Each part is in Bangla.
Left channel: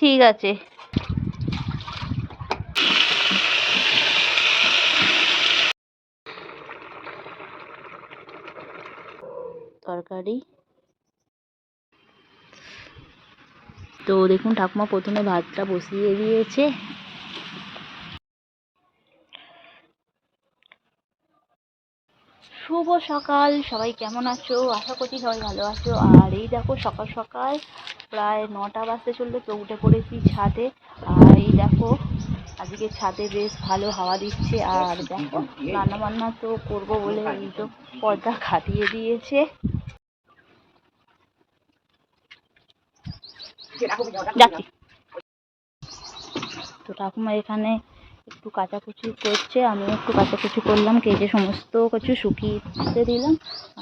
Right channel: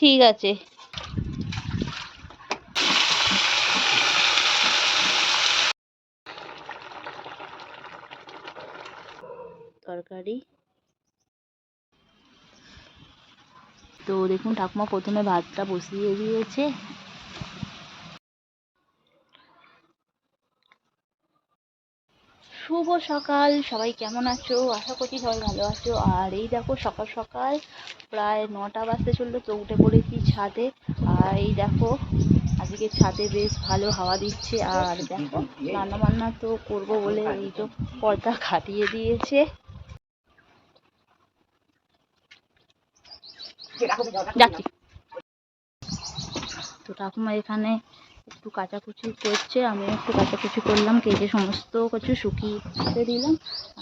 ঠিক আছে। তরকারি তো দেখুন ঠাকুমা প্রথমে ভাতটা বসিয়ে দিয়েছে। শুভ সকাল, সবাই কেমন আছো? আশা করছি সবাই ভালো আছো। আর এই দেখো সকাল সকাল প্রায় 9টা বাজতে চললো, তো উঠে পড়েছি ছাদে। আর এই দেখো আজকে ছাদে বেশ ভালো হাওয়া দিচ্ছে। আর দেখো রান্না বান্না তো করবো বলে এই তো পর্দা খাটিয়ে দিয়েছে। যাচ্ছি। তো ঠাকুমা এখানে একটু কাচাকুচি করছে, আমিও একটু কাচাকুচি করলাম, কেটে সমস্ত কিছু শুকিয়ে দিলাম।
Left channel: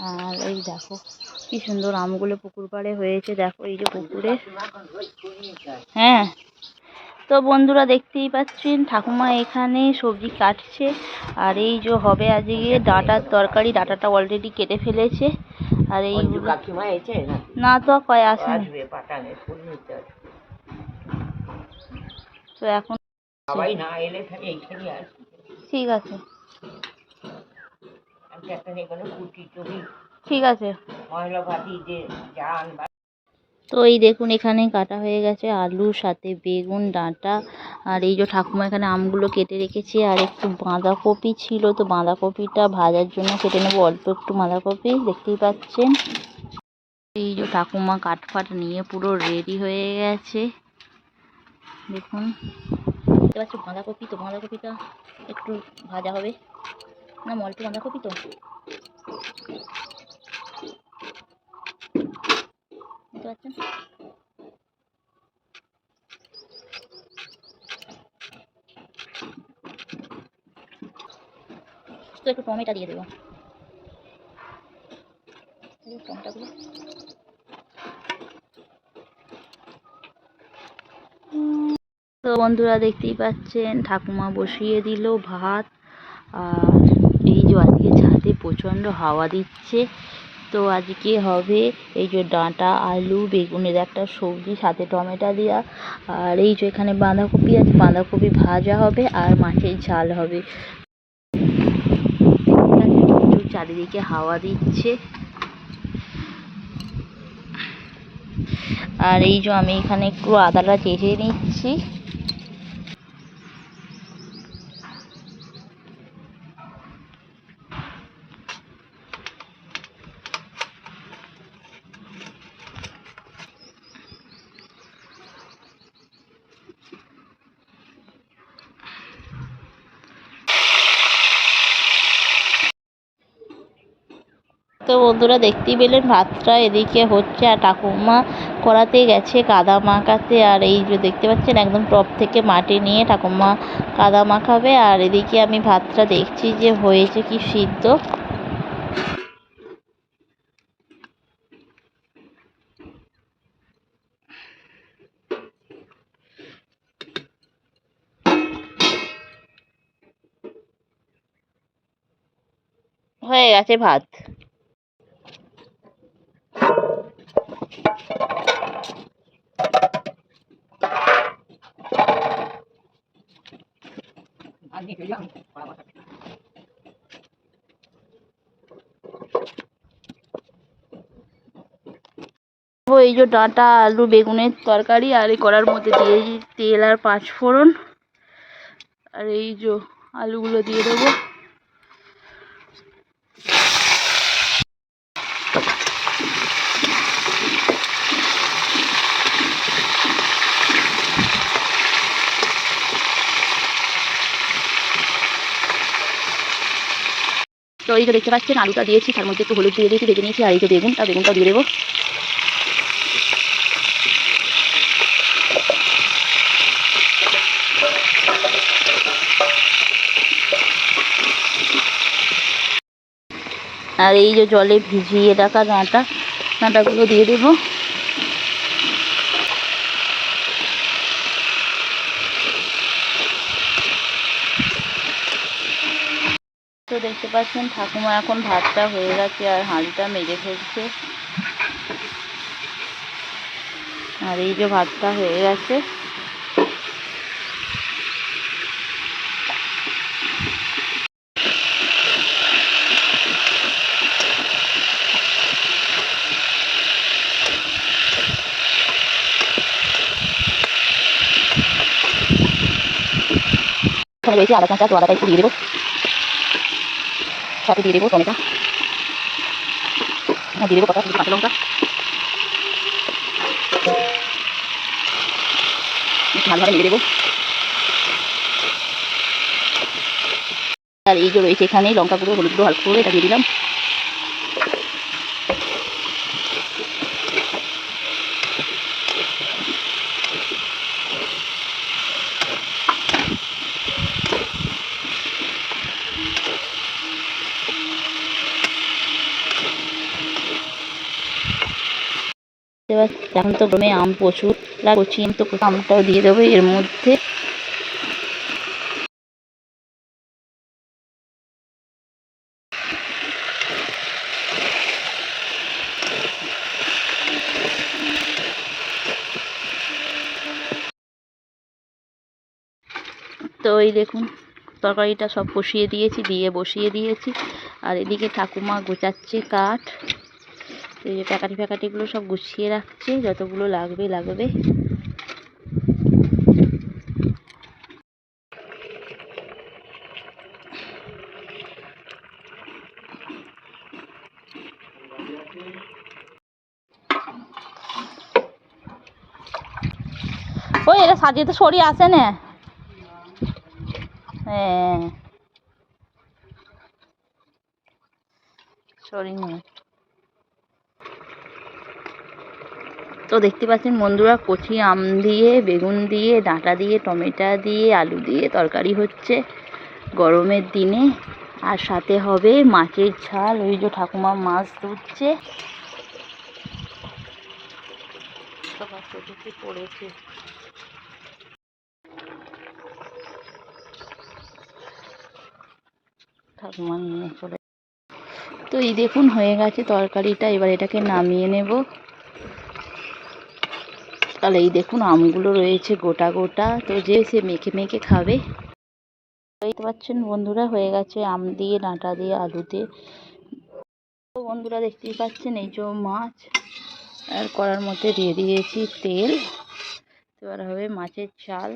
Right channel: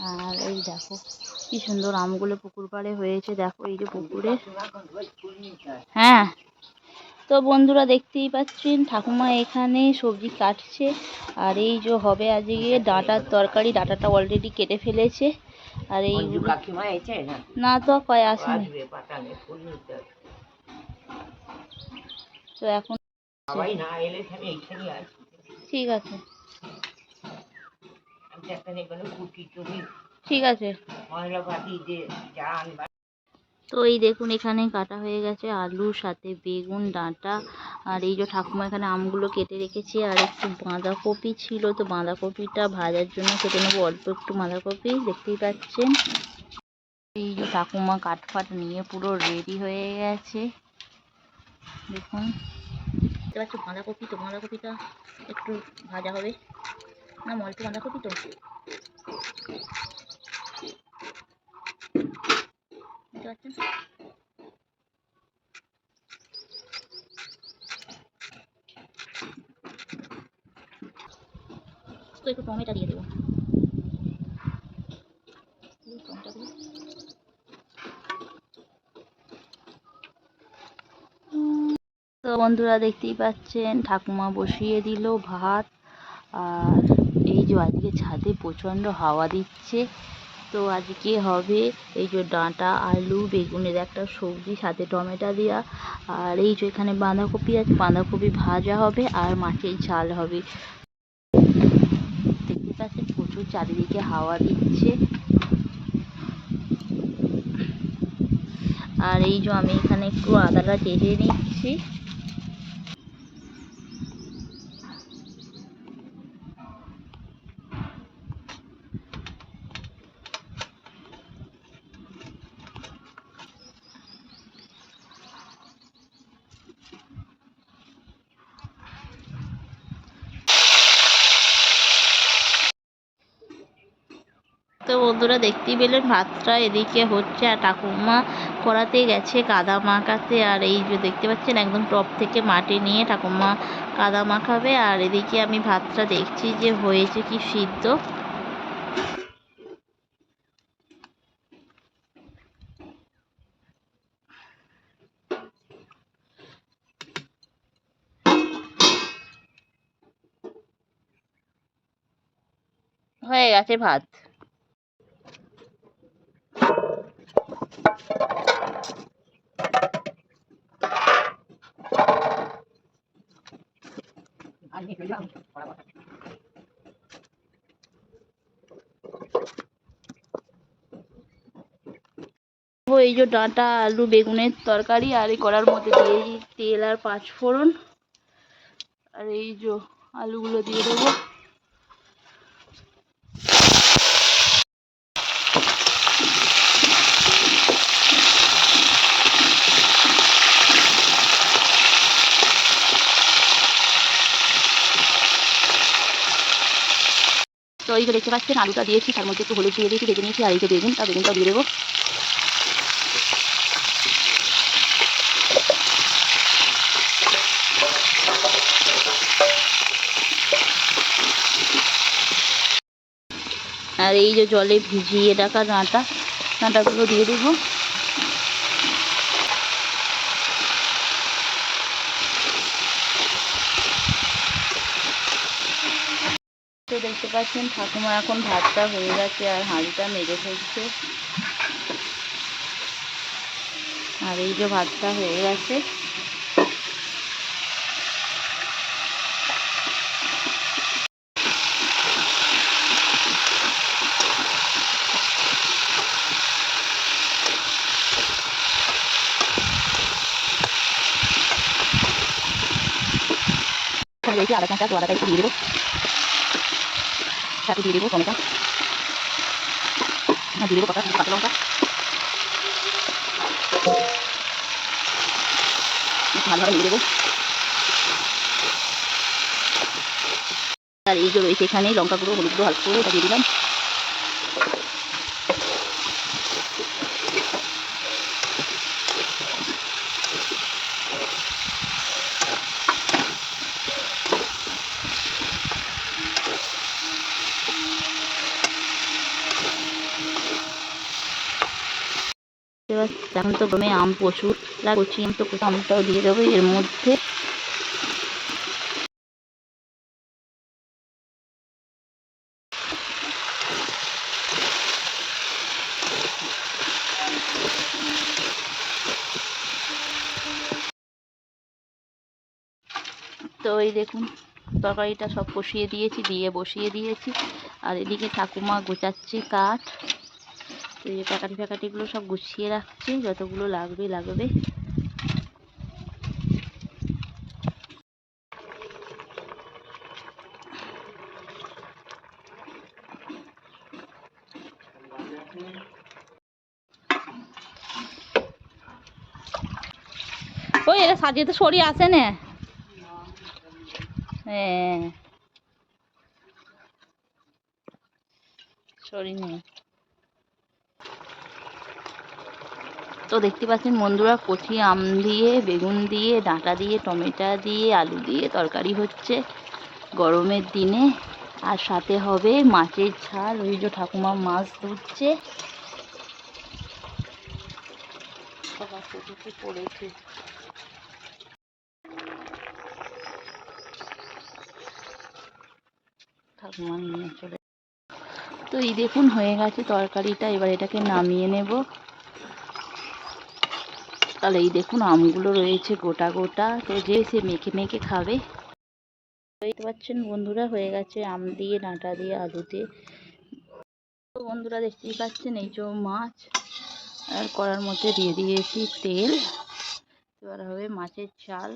আর এই দেখো কি সুন্দর আমগুলো পুকুর পাড়ে হয়েছে, দেখো এই যে পুকুরে। হ্যাঁ, তো বন্ধুরা দেখতেই পাচ্ছেন ঠাকুমা এখানে সবজি কাটছে। আর এই যে হবে আজকে ডাঁটার তরকারি, ডাঁটাটা অলরেডি কেটে ফেলেছে। আর এই না তো কয় আসেনি, তো এখন ঠিক আছে ঠিক আছে। তো এই দেখুন এখানে কাটা হয়ে গেছে আলুর সাথে বেগুন, ডাঁটা। আর এই যে ঠাকুমা এখানে আমগুলো কেটে রেখেছে। আর একটু বাঁধাকপি ছিল, তো বাঁধাকপিটা ভাজার জন্য কেটে নেবো অল্প একটু বাঁধাকপি, দেখতেই পাচ্ছেন। এই যে ঠাকুমা কাঠফাট নিয়ে পুরো রেডি হয়ে গেছে, দেখুন দেখতে পাচ্ছ বাঁধাকপি। তো বাঁধাকপিটা একটু ভাজা হবে, না অল্প বাঁধাকপি তো দেখতে পাচ্ছেন। তো একটু টমেটো দিয়ে দেবো, টমেটোগুলো। তো বন্ধুরা দেখতেই পাচ্ছেন ঠাকুমা বসিয়ে দিল ভাত। আর এই যে আজকে ছাদে প্রচণ্ড হাওয়া দিচ্ছে, তো আজকে হবে এই যে ডাঁটা আলু বেগুনের একটা সবজি, সাথে টমেটো দেওয়া। আর এই যে এখানে বাঁধাকপি আছে, বাঁধাকপি ভাজা হবে আর মাছের ঝাল হবে। প্রচুর চারিদিকে হাওয়া দিচ্ছে। আর এই যে আমি এখানে একটু আদাটা চেঁচে নিচ্ছি। তো বন্ধুরা দেখতেই পেলেন ভাতটা এদিকে হচ্ছে, আর ঠাকুমা কড়াতে গেছে কাদা মাখাতে। আর এই যে দেখতে পাচ্ছেন একদম টপ থেকে মাটি নিয়ে ঠাকুমা কাদা মাখাবে। আর এদিকে আমি ভাতটা দেখছি যে হয়েছে কি সিদ্ধ। হয়ে গেছে ভাত। এই যে ডাঁটা আলু বেগুনের তরকারি, আর এই কড়ার মধ্যে দিয়েছি তেল আর 5 ফোড়ন। আর এই যে আলুগুলো দিয়ে দেবো। তো এই যে দেখতে পাচ্ছেন আলুটা দিয়েছি, তার মধ্যে একটু হলুদ দিয়ে দিয়েছি, ভেজে নিয়েছি। আর এই যে বেগুন, তার বেগুনটাও দিয়ে দেবো। আর এই যে জলে ভিজিয়ে রাখা ডাঁটাগুলো দিয়ে দেবো। তো দেখতে পাচ্ছেন ঠাকুমা এখন ভাতটা হয়ে গেছে আর হাঁড়িটা মেজে ফেলছে। আর এই যে ভাতটা হয়ে গেছে। এখানে রয়েছে আদা কাঁচা, তো আদাটা একটু দিয়ে দেবো, সাথে দিয়ে দেবো টমেটো, দিয়ে দেবো কটা কাঁচা লঙ্কা, ভালোভাবে নেড়ে দেবো। আর এই যে রয়েছে এখানে লঙ্কা গুঁড়ো, হলুদ গুঁড়ো, হালকা করে এটা দিয়ে দিলাম। এবার এখন তো গরমে আম প্রচুর, কচি আম, তো আমটাও দিয়ে দেবো এর মধ্যে। তো এই দেখুন তরকারিটা সব কষিয়ে দিয়েছি, দিয়ে বসিয়ে দিয়েছি। আর এদিকে ঠাকুমা গোছাচ্ছে কাঠ, তো এই যে প্যাকাটি ফ্যাকাটিগুলো সব গুছিয়ে রাখছে, যতগুলো লাগবে লাগবে। ওই এটা সাজিয়ে তো সরিয়ে আসে না। হ্যাঁ সরি নেই। তো দেখতে পাচ্ছেন বন্ধুরা, কচি আম দিয়ে, বেগুন দিয়ে, ডাঁটা দিয়ে, টমেটো দিয়ে, আলু দিয়ে তরকারি হচ্ছে গরমের দিনে। আর সাথে হবে মাছের ঝাল। ওই যে ঠাকুমা মাছ ধুচ্ছে, সবার চোখে পড়েছে। ঠাকুমা নিয়ে চলে। তো এই দেখুন হয়ে গেছে তরকারিটা, এবার এটাকে নামিয়ে নেব। তাহলে এই দেখুন আমগুলো রয়েছে গোটা গোটা, তো যে সে মেখে মেখে খাবে। দেখতে পাচ্ছেন বন্ধুরা হয়ে গেছে আম দিয়ে, ডাঁটা দিয়ে, আলু দিয়ে। তো বন্ধুরা দেখতেই পাচ্ছেন এই যে মাছ, আর কড়ার মধ্যে দিয়ে দিয়েছি তেল। এবার হবে মাছের ঝাল।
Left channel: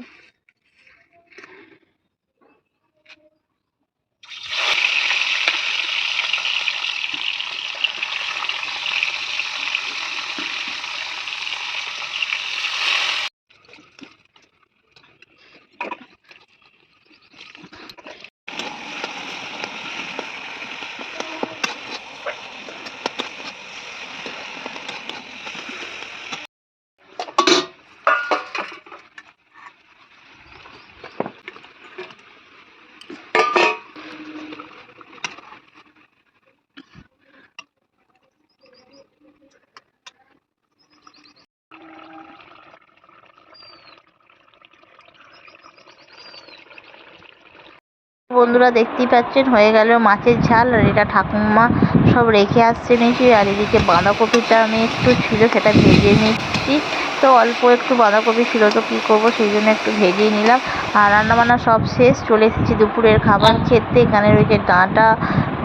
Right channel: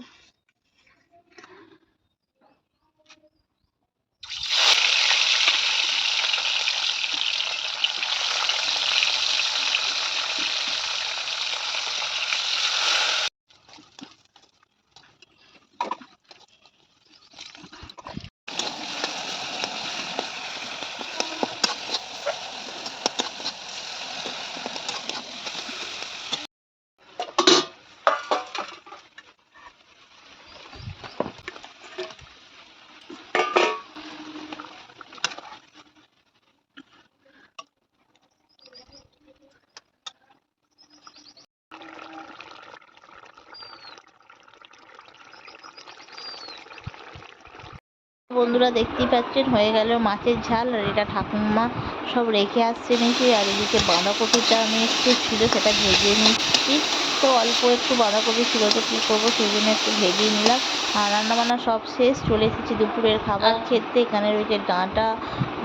বন্ধুরা দেখতেই পাচ্ছেন হয়ে গেল মাছের ঝাল। আর এটা ঠাকুমা সব রেখে আসছে নিচে। আর এদিকে বাঁধাকপিটা আমি একটু ছিল সেটা ভেজে নিচ্ছি। তো অল্প একটু বাঁধাকপি ছিল, তো কী করবো, সেই জন্য একটু ভেজে নিলাম। আর রান্নাবান্না সব শেষ, চলে এসেছি দুপুরের খাবার খেতে। এখানে রয়েছে ডাঁটা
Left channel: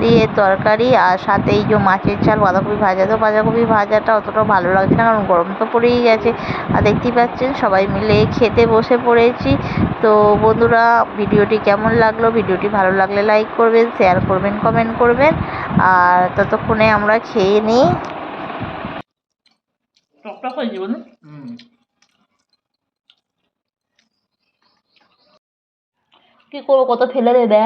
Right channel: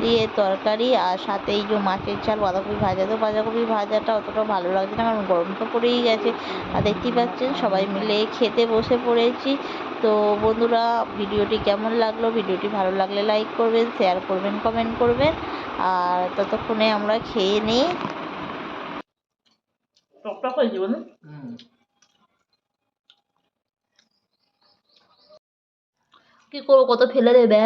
দিয়ে তরকারি, আর সাথে এই যে মাছের ঝাল, বাঁধাকপি ভাজা। তো বাঁধাকপি ভাজাটা অতটাও ভালো লাগছে না, কারণ গরম তো পড়েই গেছে। আর দেখতেই পাচ্ছেন সবাই মিলে খেতে বসে পড়েছি। তো বন্ধুরা ভিডিওটি কেমন লাগলো, ভিডিওটি ভালো লাগলে লাইক করবেন, শেয়ার করবেন, কমেন্ট করবেন। আর ততক্ষণে আমরা খেয়ে নিই। টকটক হয়েছে বলুন, কি করবো, কত ফেলে দেবে।